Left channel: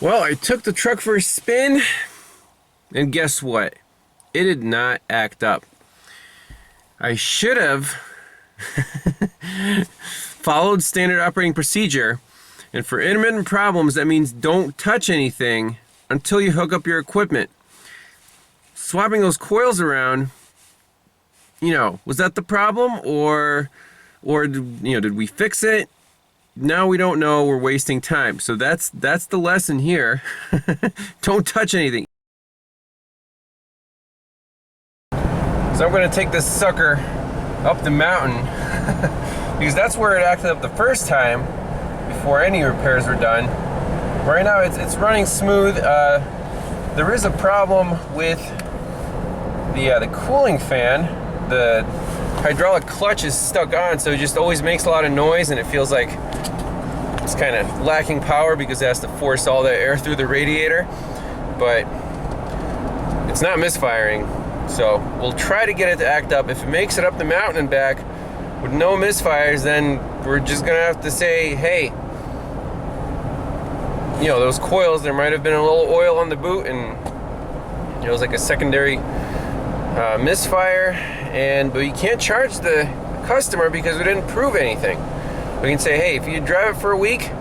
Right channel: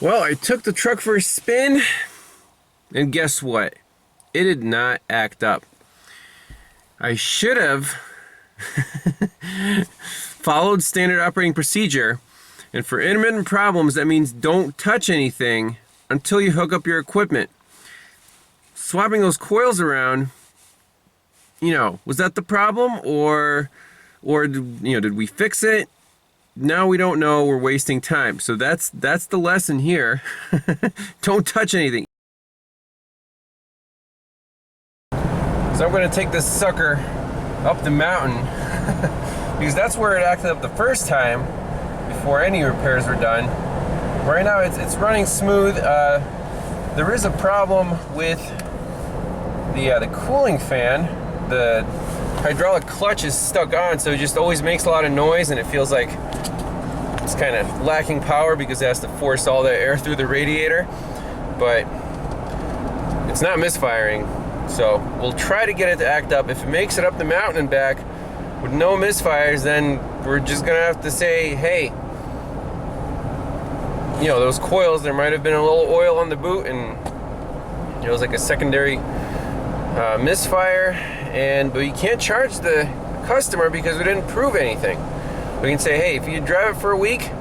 Well, I took the truck for a spin, and guess what? It did not act up. I should have followed standard operating procedure, and for intermittent problems, that means don't touch anything until you hook up your equipment. Swapping those coils around, was that the problem, or did we fix it? Now we don't know. We're wasting time. So that's the lesson here. Don't touch anything. So I'm going to take this sucker up the mountain because that's where it acted up the first time before any repairs were done. Right now it's running smooth. There is a problem with the cooling fan. The hydraulic clutch is stuck on, so it just always makes a lot of noise, and it feels like it's kind of lacking power because it has to force all the air through the radiator. But it's not misfiring, so we'll try to get it to act up. If it makes it up the mountain and back with no misfires, then we're just gonna have to say, hey, those coils, there might have been a little oil on the boot, and it was like a secondary misfire, but you can't charge the customer because we didn't prove anything. We can say, hey, if you drive it for a week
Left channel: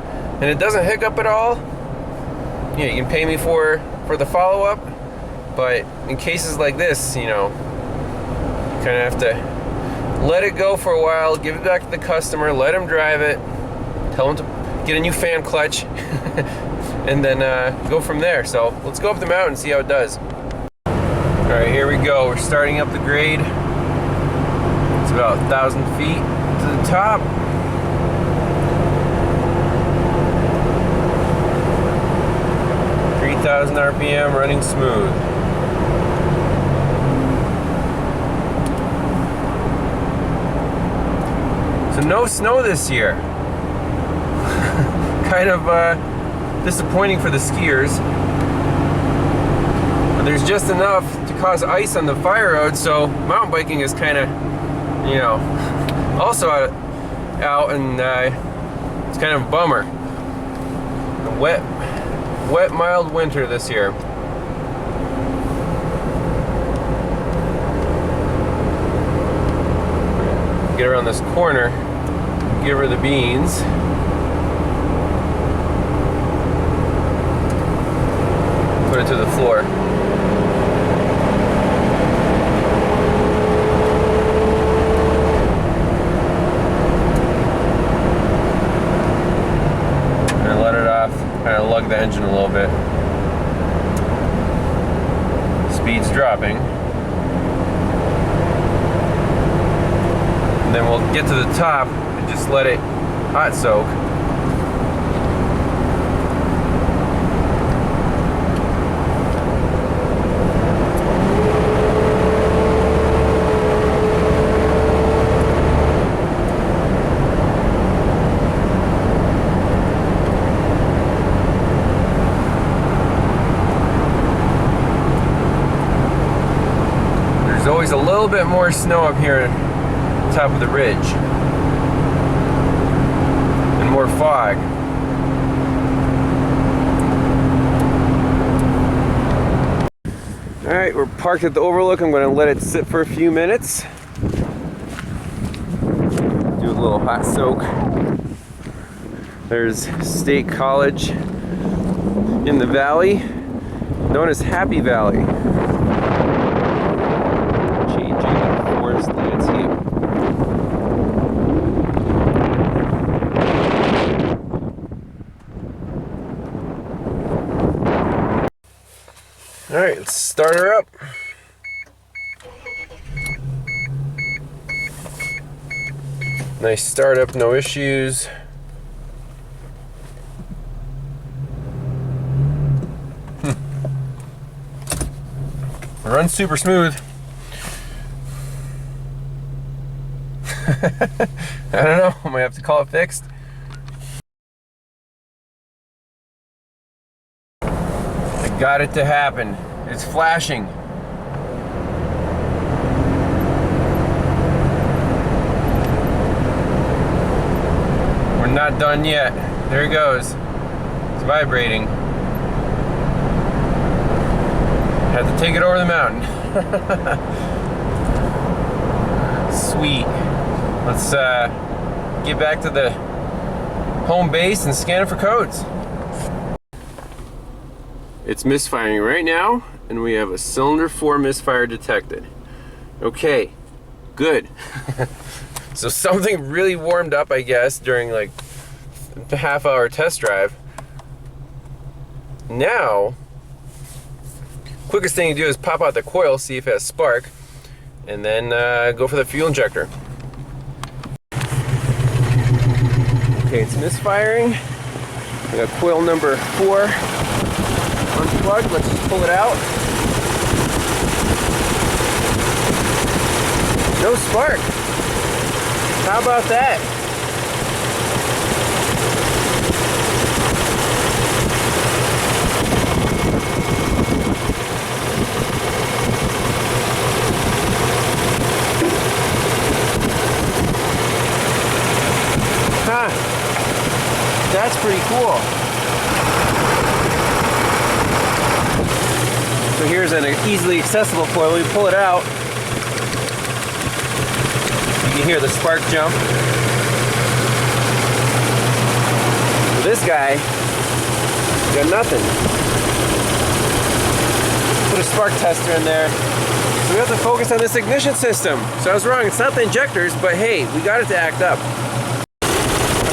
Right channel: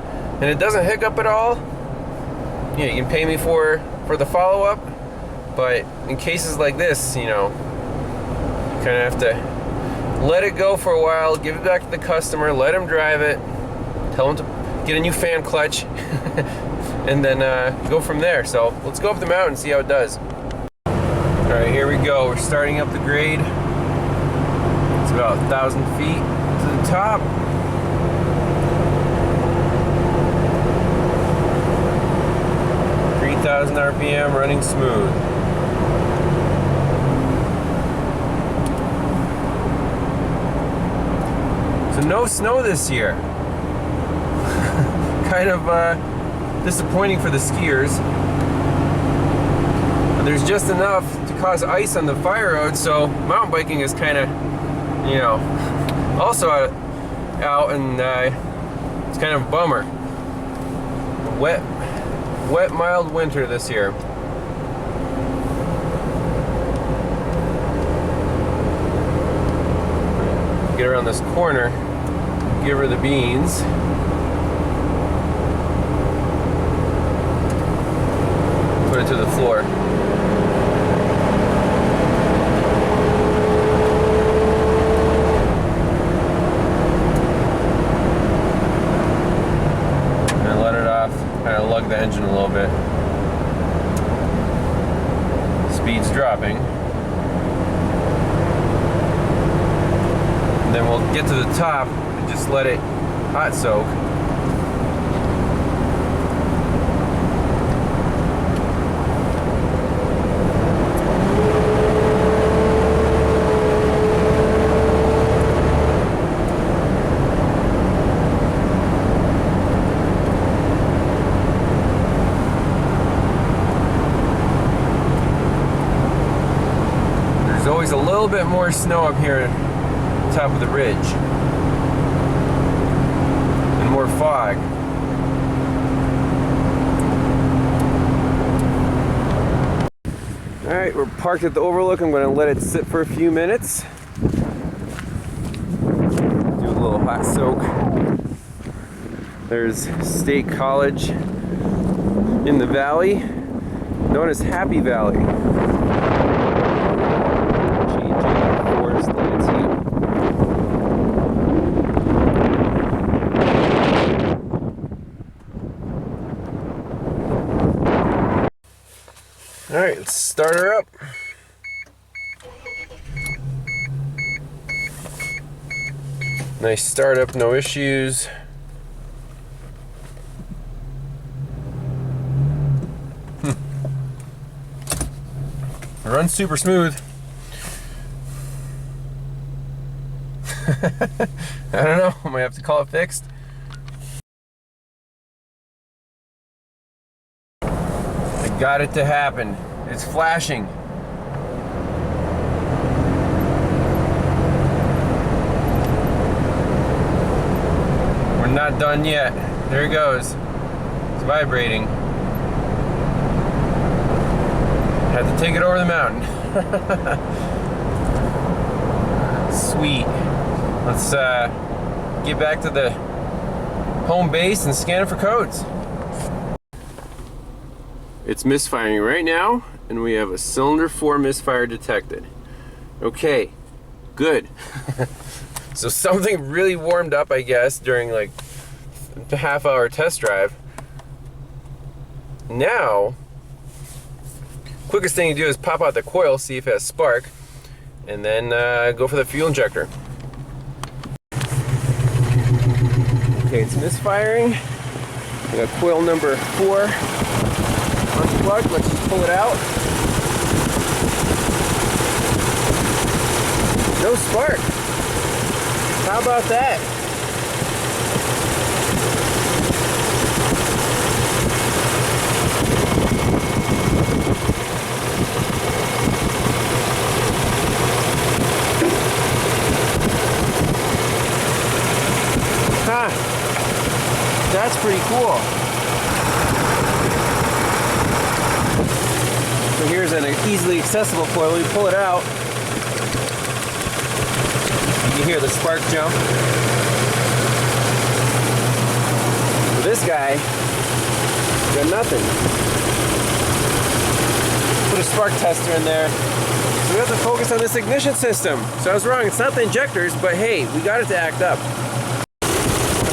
and it doesn't hiccup at all, you can pay me for the follow-up. But in cases like this, you kind of have to let it go for a while, give it back to the customer, let him drive it, tell him to get a new fan clutch, and then go from there. So let's go up the mountain and see how it does. All right, here we go. We're starting up the grade. It's about 1,000 feet to the top. RPM, running smooth. So no snow this year. Kind of disappointing for the skiers. But there's just enough to cause ice on the fire road, so mountain biking is kind of, also out, and it's kind of a bummer. A wet, mild winter this year. Get around this corner, give her the beans. Put it to the floor. And let it off. Kind of lug the engine a little bit. Speed's dropping. And then we'll get to the top and just let it hot soak. There's always a little bit more snow up here top of the ridge, and more fog. Alright, we're parked at the Overlook. I'm going to let it sit for a few minutes. Do a little hot soak. There's State College in the valley, known as Happy Valley. Changing forest landscape. All right, let's start her up. Nice startup, no issues. It runs super smooth. I don't know, I might have to call it fixed. I got it to happen. It's flashing. We're not done yet. There it goes. It's vibrating. Had to take it over the mountain. Sweet. Let's get back to the home base and scan it for codes. It's misfiring right now, and we have a cylinder 4 misfire detected. Okay, good. So something really warmed up, I guess, during like the half-hour test drive. Now, quickest thing to do is pop out the coil, see if it has spark, and then go for the fuel injector. Okay, it's misfiring. We got coil number 4 unplugged. Let's just pull it out. No spark. How about that? Huh. That's pretty cool. So here's an easily accessible coil. We pull it out. You can hear the spark jump. This guy got nothing. Put a spark tester in there. So we have to focus on this ignition system. So I was wrong, it's not the injectors, but hey, we got it to act up.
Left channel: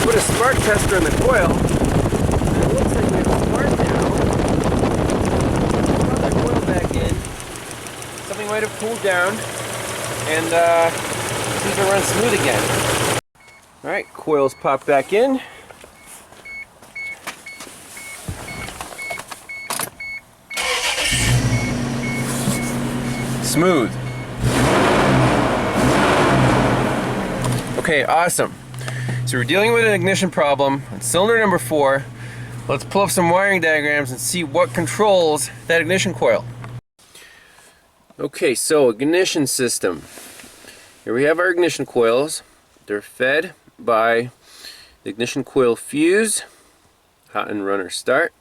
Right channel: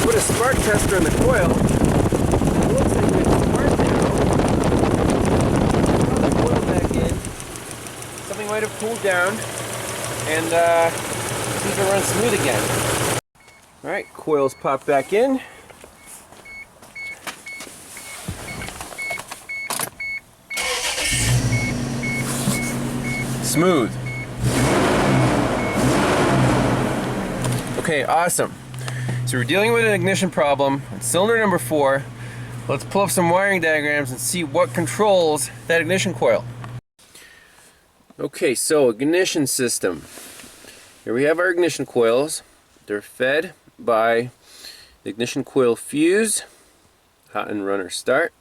Put a spark tester in the coil, and it looks like we have a spark now. Put that coil back in. Something might have cooled down, and see if it runs smooth again. Alright, coils pop back in. Smooth. Okay, awesome. So we're dealing with an ignition problem on cylinder number 4. Let's pull up some wiring diagrams and see what controls that ignition coil. Okay, so ignition system. Here we have our ignition coils. They're fed by the ignition coil fuse, hot and runner start,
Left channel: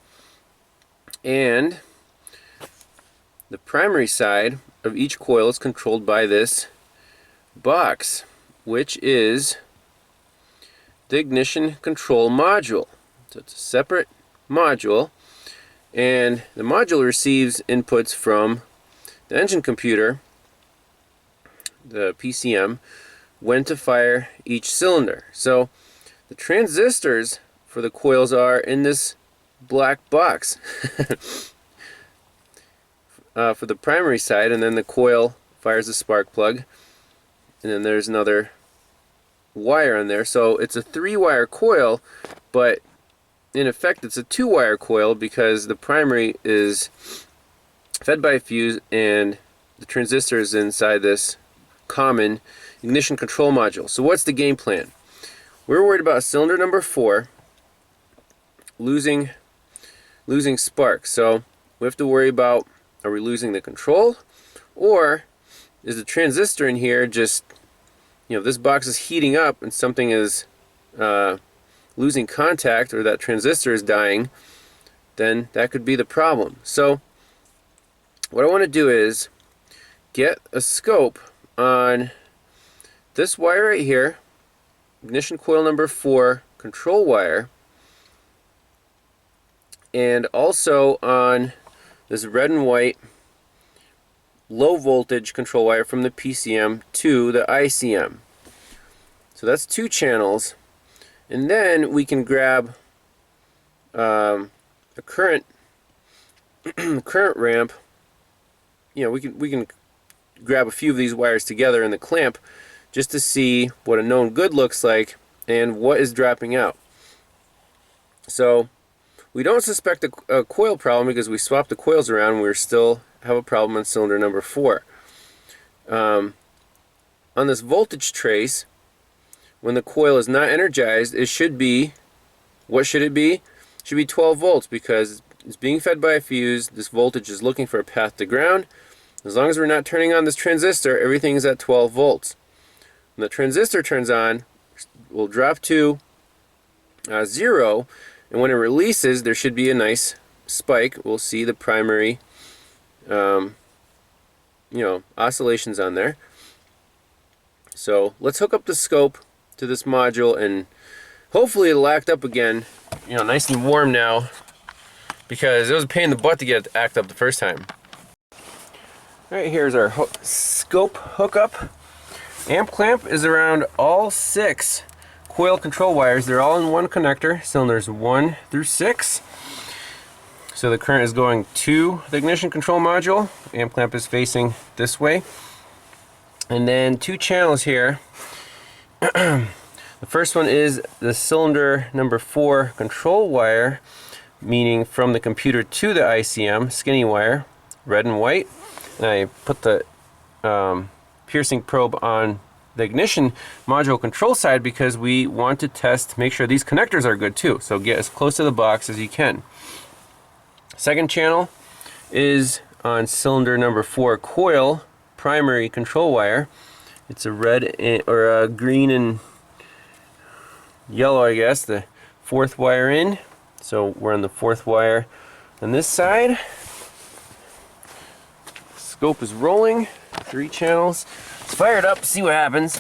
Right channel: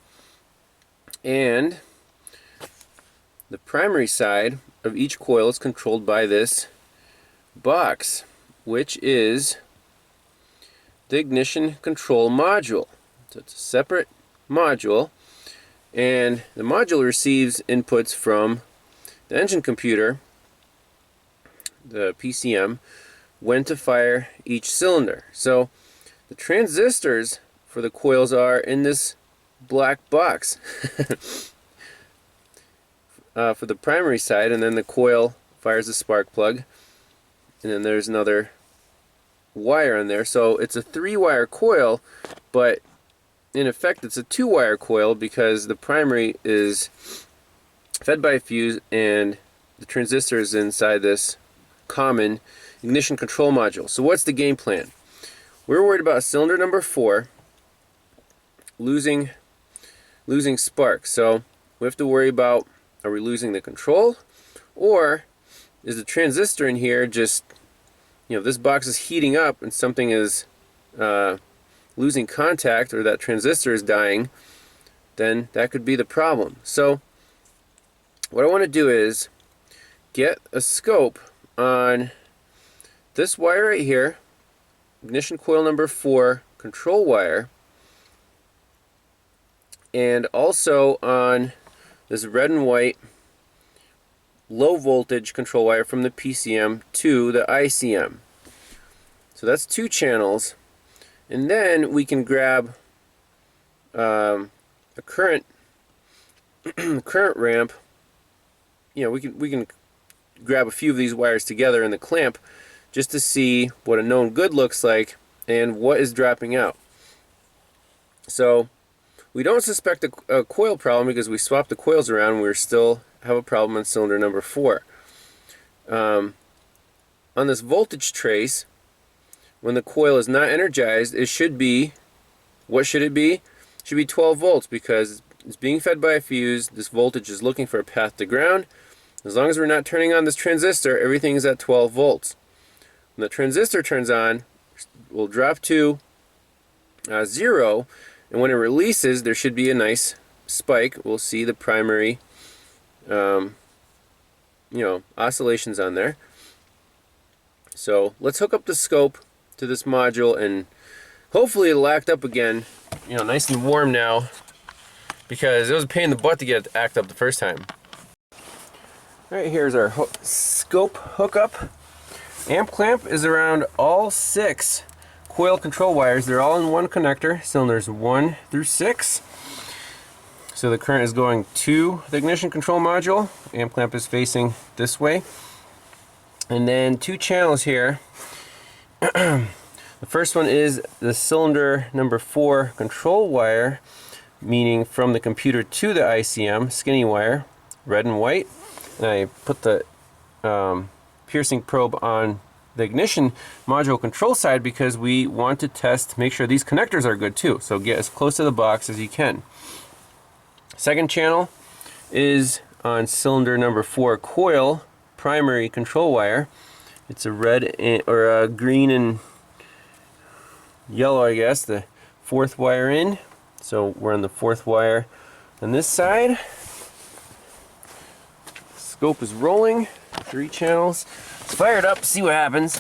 and the primary side of each coil is controlled by this box, which is the ignition control module. So it's a separate module, and the module receives inputs from the engine computer, the PCM, when to fire each cylinder. So the transistors for the coils are in this black box for the primary side, and then the coil fires the spark plug, and then there's another wire on there. So it's a 3-wire coil, but in effect it's a 2-wire coil because the primary is fed by a fuse and the transistor is inside this common ignition control module. So what's the game plan? We're worried about cylinder number 4 losing spark. So we have to worry about, are we losing the control, or is the transistor in here just, you know, this box is heating up and something is losing contact, or that transistor is dying, then that could be the problem. So what I want to do is get a scope on this wire right here, ignition coil number 4 control wire, and also on this red and white low voltage control wire from the PCM to the ICM. So that's 2 channels, and then we can grab a current ramp. You know, we can grab a few of these wires together in the clamp just to see what a known good looks like and what is dropping out. So we don't suspect a coil problem because we swapped the coils around and we still have a problem on cylinder number 4. On this voltage trace, when the coil is not energized, it should be, what should it be? It should be 12 volts because it's being fed by a fuse. This voltage is looking for a path to ground. As long as we're not turning on this transistor, everything is at 12 volts. When the transistor turns on, we'll drop to 0, and when it releases, there should be a nice spike. We'll see the primary oscillations on there. So let's hook up the scope to this module, and hopefully it'll act up again, nice and warm now, because it was a pain in the butt to get it to act up the first time. Alright, here's our scope hookup. Amp clamp is around all 6 coil control wires. They're all in one connector, cylinders 1 through 6. So the current is going to the ignition control module. Amp clamp is facing this way. And then 2 channels here. The first one is the cylinder number 4 control wire, meaning from the computer to the ICM, skinny wire, red and white. And I put the piercing probe on the ignition module control side because we want to test, make sure these connectors are good too. So get as close to the box as you can. Second channel is on cylinder number 4 coil primary control wire. It's a red or a green and yellow, I guess, the 4th wire in. So we're on the 4th wire on this side. Scope is rolling, 3 channels. Let's fire it up, see what happens.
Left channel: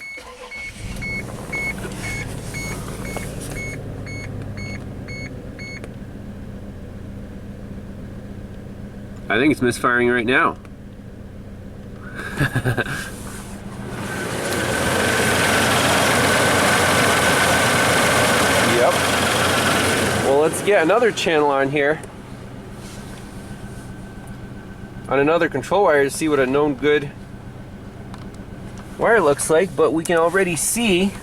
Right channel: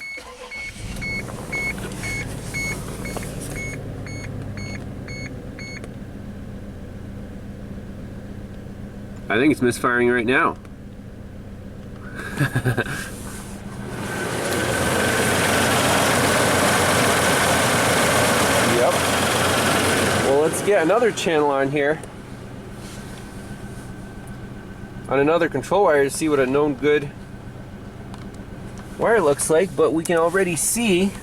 I think it's misfiring right now. Yep. Well, let's get another channel on here, on another control wire, to see what a known good wire looks like. But we can already see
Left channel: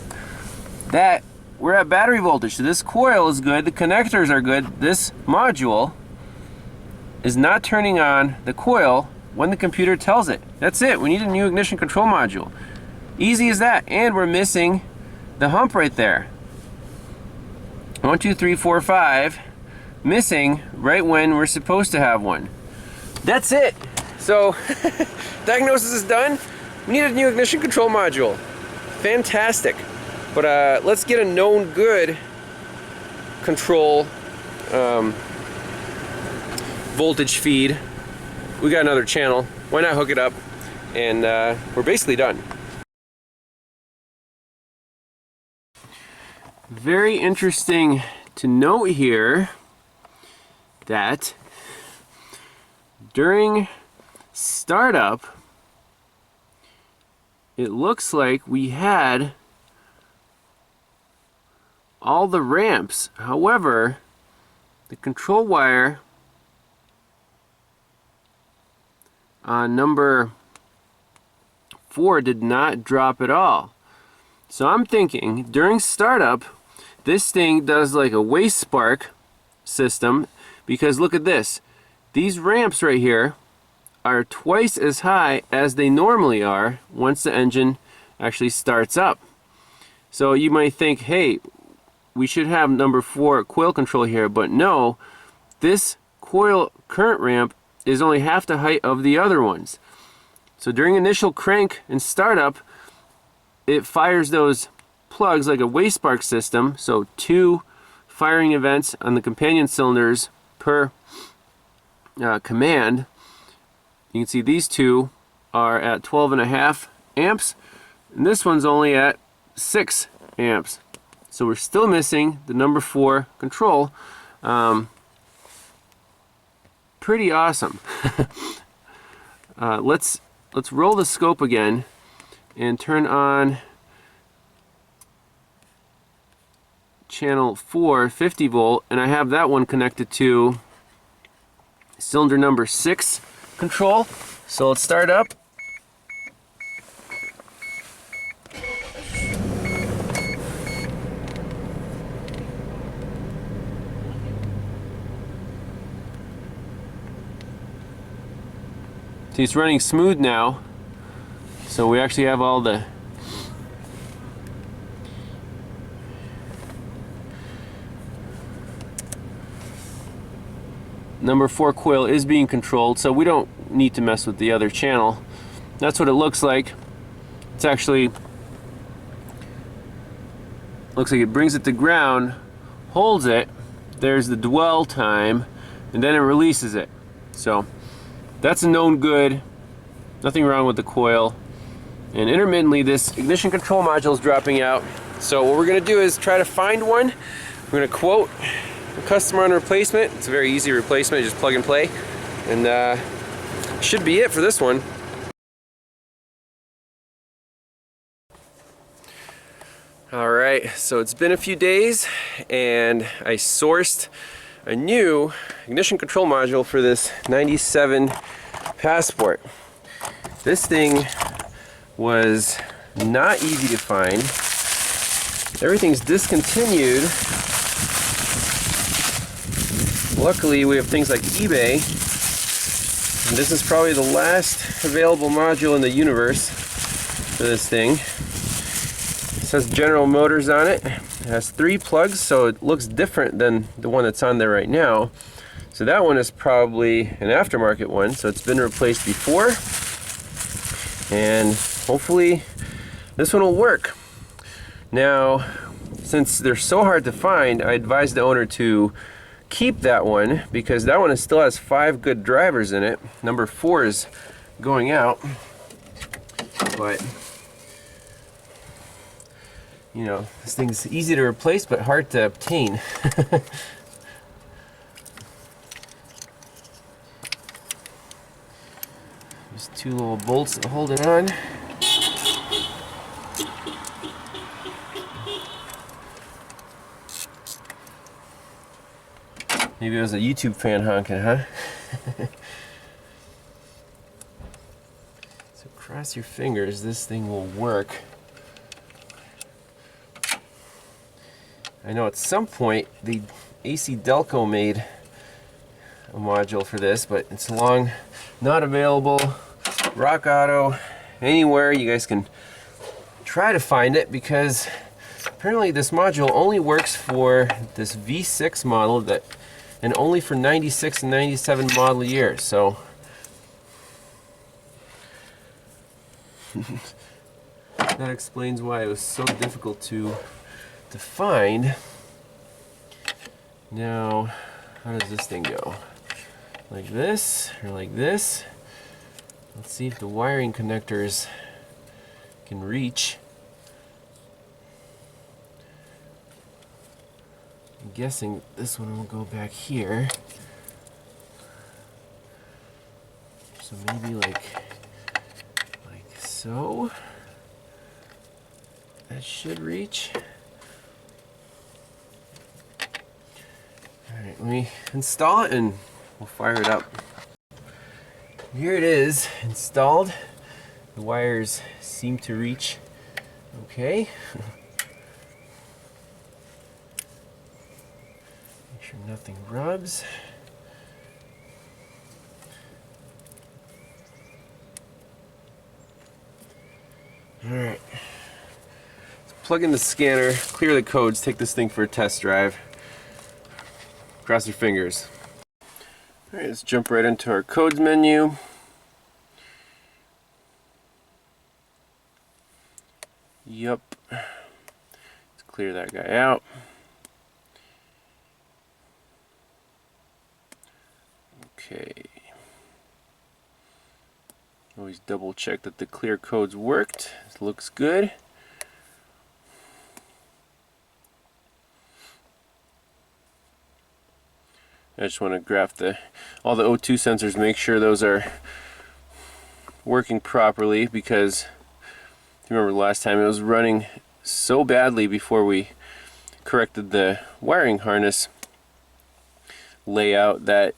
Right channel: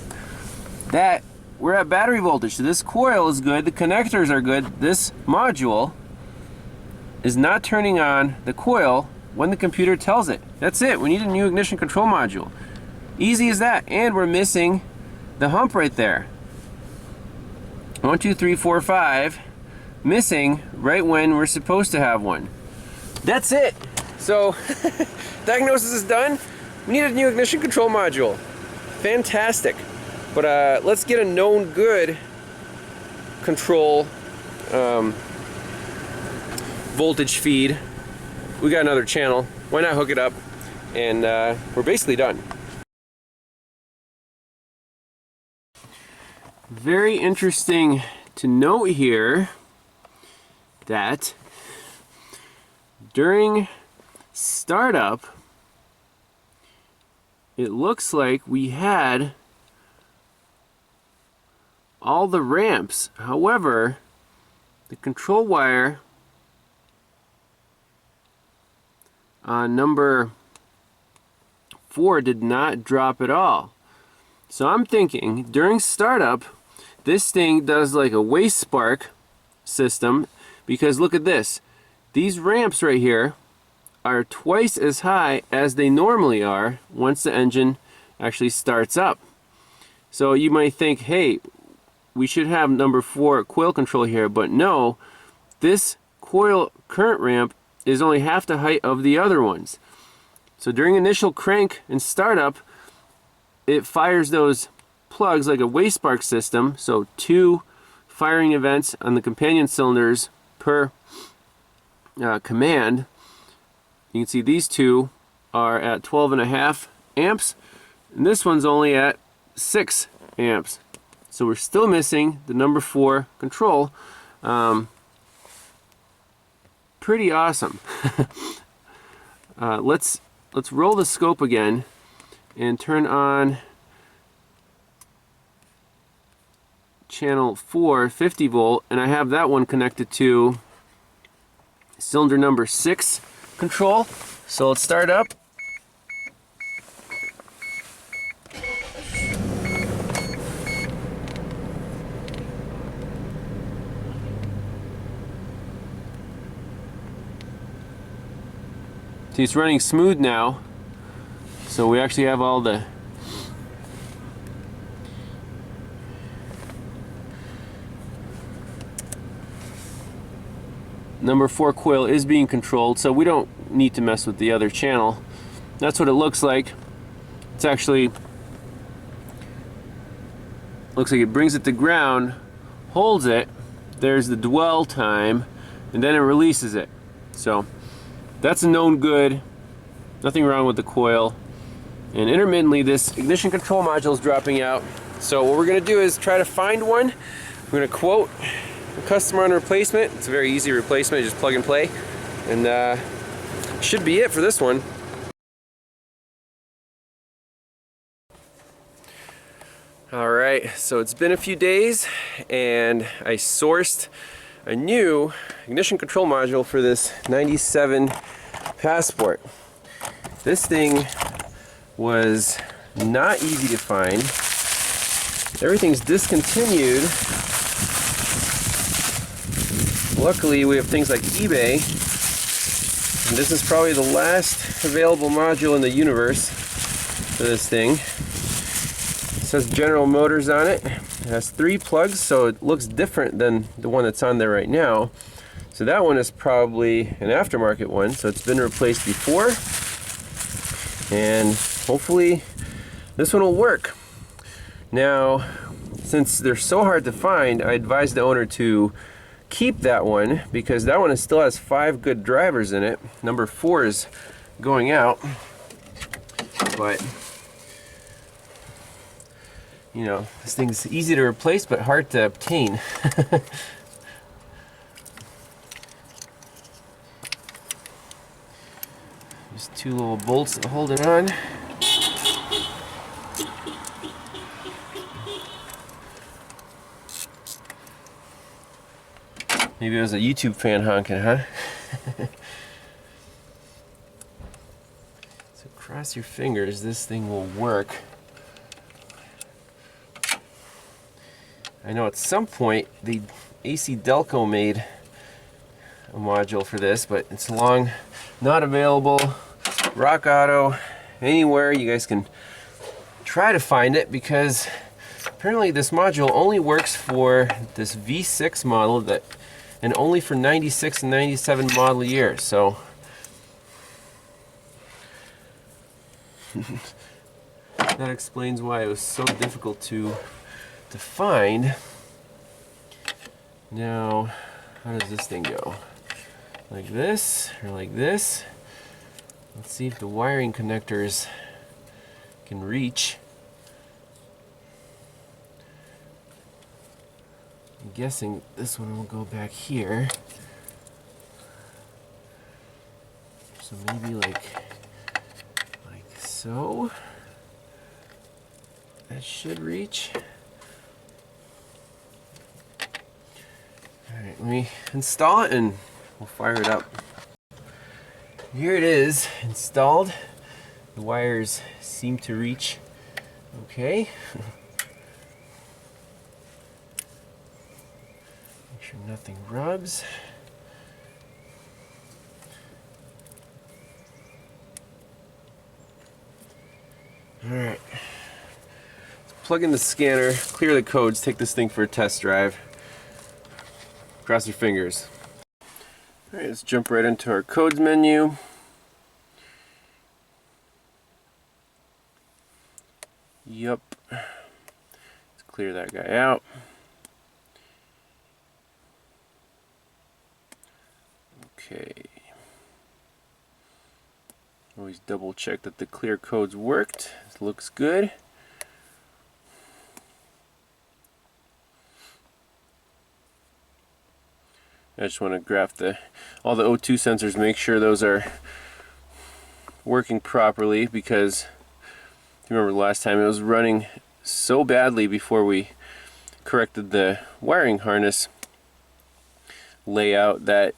that we're at battery voltage. So this coil is good, the connectors are good. This module is not turning on the coil when the computer tells it. That's it. We need a new ignition control module. Easy as that. And we're missing the hump right there. 1, 2, 3, 4, 5. Missing right when we're supposed to have one. That's it. So diagnosis is done. We need a new ignition control module. Fantastic. But let's get a known good control voltage feed. We got another channel. Why not hook it up? And we're basically done. Very interesting to note here that during startup, it looks like we had all the ramps. However, the control wire on number 4 did not drop at all. So I'm thinking during startup, this thing does like a waste spark system, because look at this. These ramps right here are twice as high as they normally are once the engine actually starts up. So you might think, hey, we should have number 4 coil control here, but no, this coil current ramp is only half the height of the other ones. So during initial crank and startup, it fires those plugs like a waste spark system, so 2 firing events on the companion cylinders per command. You can see these 2 are at 12.5 amps, and this one's only at 6 amps. So we're still missing the number 4 control. Pretty awesome. Let's roll the scope again and turn on channel 4, 50 volt, and I have that one connected to cylinder number 6 control. So let's start up. See, it's running smooth now. So we actually have all the number 4 coil is being controlled, so we don't need to mess with the other channel. That's what it looks like. It's actually looks like it brings it to ground, holds it, there's the dwell time, and then it releases it. So that's a known good. Nothing wrong with the coil. And intermittently, this ignition control module is dropping out. So what we're gonna do is try to find one. We're gonna quote the customer on a replacement. It's a very easy replacement, just plug and play. And should be it for this one. All right, so it's been a few days and I sourced a new ignition control module for this 97 Passport. This thing was not easy to find. Everything's discontinued. Luckily, we have things like eBay, and this is probably the last available module in the universe for this thing. It says General Motors on it. It has 3 plugs, so it looks different than the one that's on there right now. So that one is probably an aftermarket one, so it's been replaced before. And hopefully this one will work. Now, since they're so hard to find, I advise the owner to keep that one because that one still has 5 good drivers in it. Number 4 is going out, but you know, this thing's easy to replace but hard to obtain. Just 2 little bolts that hold it on. Maybe it was a YouTube fan honking, huh? So cross your fingers, this thing will work. I know at some point the AC Delco made a module for this, but it's not available. Rock Auto, anywhere you guys can try to find it, because apparently this module only works for this V6 model and only for 96 and 97 model year. So that explains why it was so difficult to find. Now, how does this thing go? Like this or like this? Let's see if the wiring connectors can reach. I'm guessing this one will go back here. So maybe like so. That should reach. Alright, let me install it and we'll fire it up. Here it is, installed. The wires seem to reach okay. Make sure nothing rubs. Alright. Let's plug in the scanner, clear the codes, take this thing for a test drive. Cross your fingers. Alright, let's jump right into our codes menu. Yup. Let's clear that guy out. Okay. Always double check that the clear codes worked. This looks good. I just want to graph all the O2 sensors, make sure those are working properly, because if you remember last time it was running so badly before we corrected the wiring harness layout that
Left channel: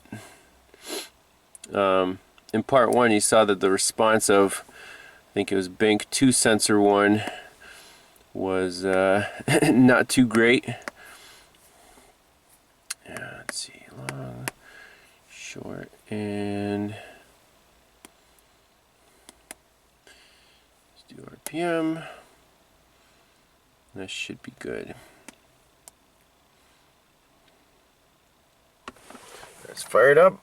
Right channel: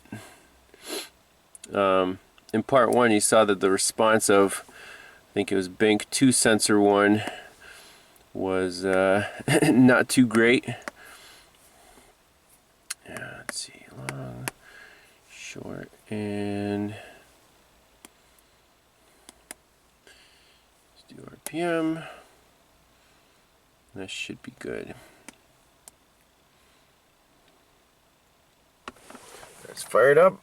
in part 1 you saw that the response of, I think it was bank 2 sensor 1 was not too great. Yeah, let's see. Long, short, and let's do RPM. That should be good. Let's fire it up.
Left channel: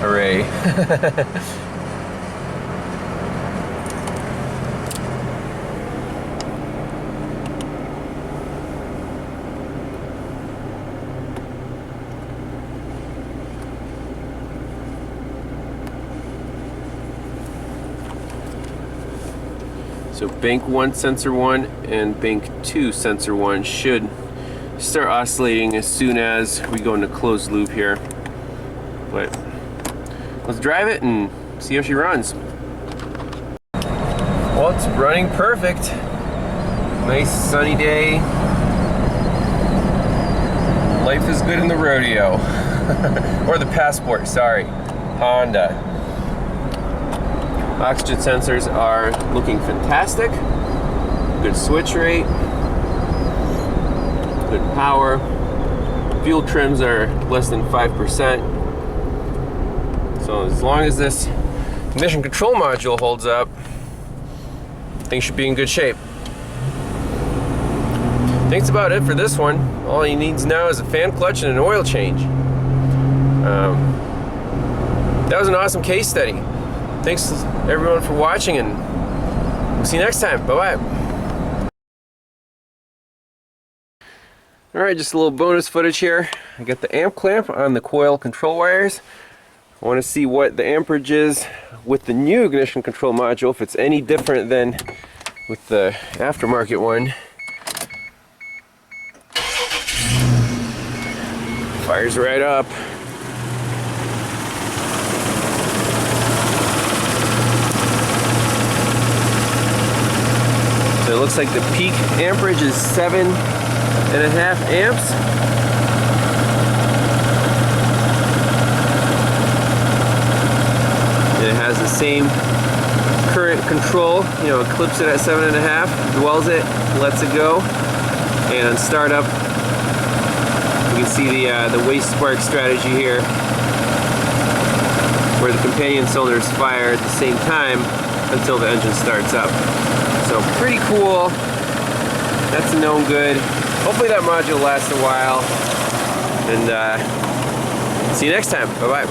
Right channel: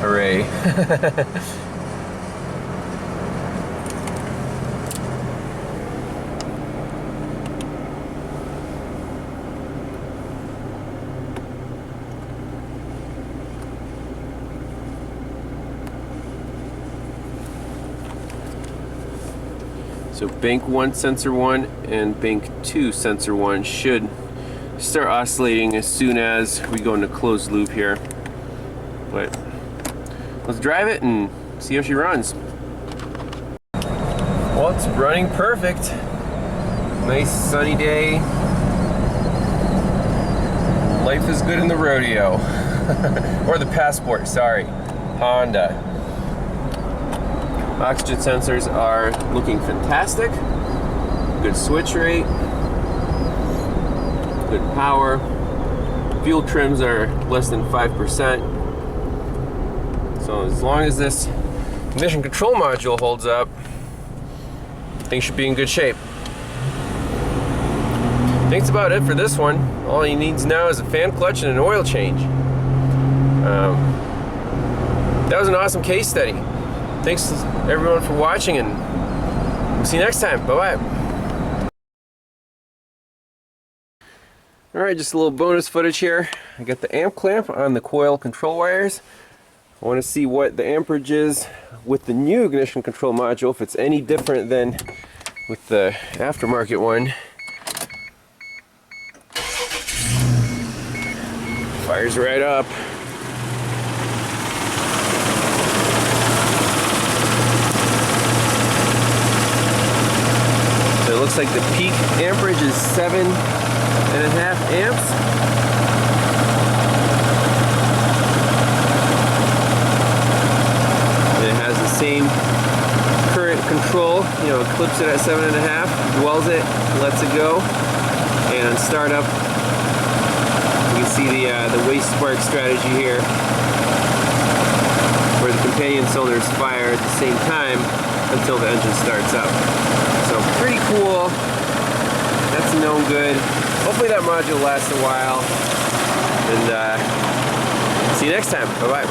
Hooray. So bank 1 sensor 1 and bank 2 sensor 1 should start oscillating as soon as we go into closed loop here. But let's drive it and see how she runs. Well, it's running perfect. Nice sunny day. Life is good in the Rodeo. Or the Passport, sorry. Honda. Oxygen sensors are looking fantastic. Good switch rate. Good power. Fuel trims are less than 5%. So as long as this ignition control module holds up, things should be in good shape. I think that's about it for this one. All he needs now is a fan clutch and an oil change. That was an awesome case study. Thanks everyone for watching, and we'll see you next time. Bye-bye. Alright, just a little bonus footage here. I got the amp clamp on the coil control wires. I want to see what the amperage is with the new ignition control module, if it's any different than with the aftermarket one. Fires right up. So it looks like the peak amperage is 7.5 amps. And it has the same current control. You know, it clips it at 7.5, dwells it, lets it go, and on startup, you can see the waste spark strategy here, where the companion cylinders fire at the same time until the engine starts up. So pretty cool. That's a known good. Hopefully that module lasts a while. And see you next time. Bye-bye.